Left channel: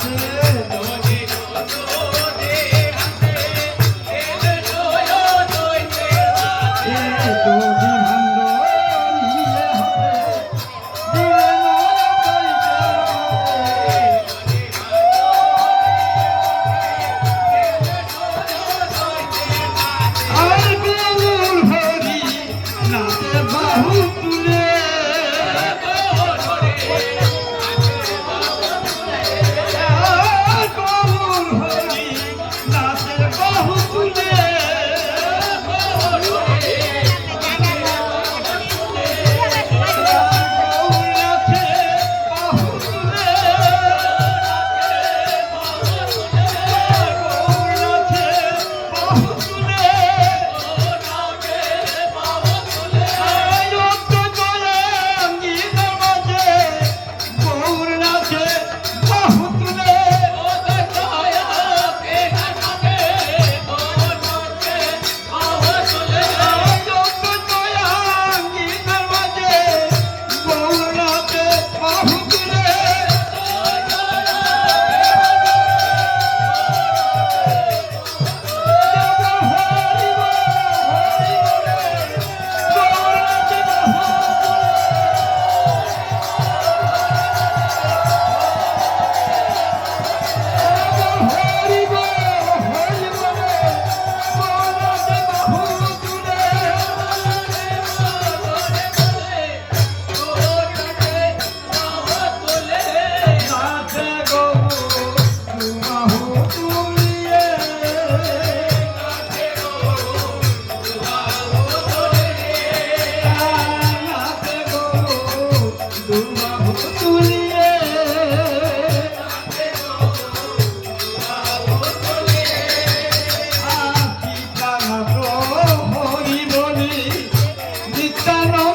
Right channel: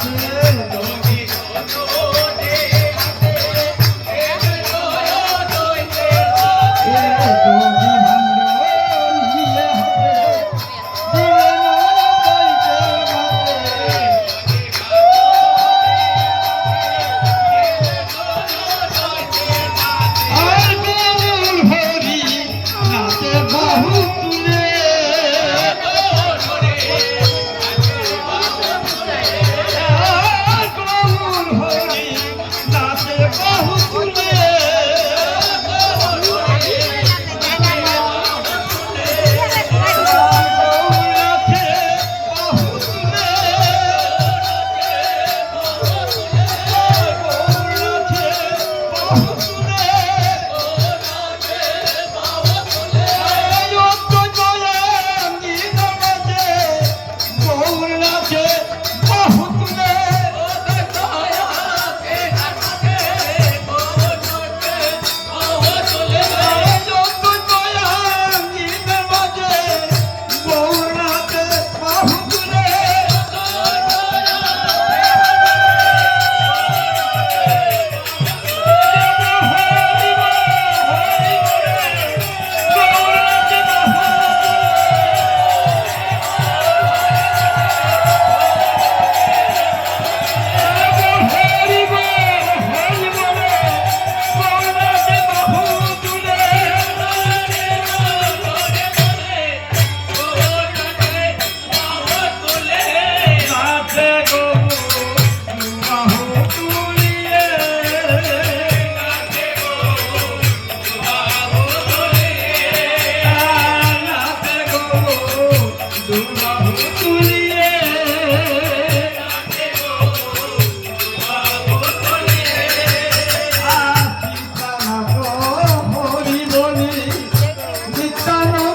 to Sara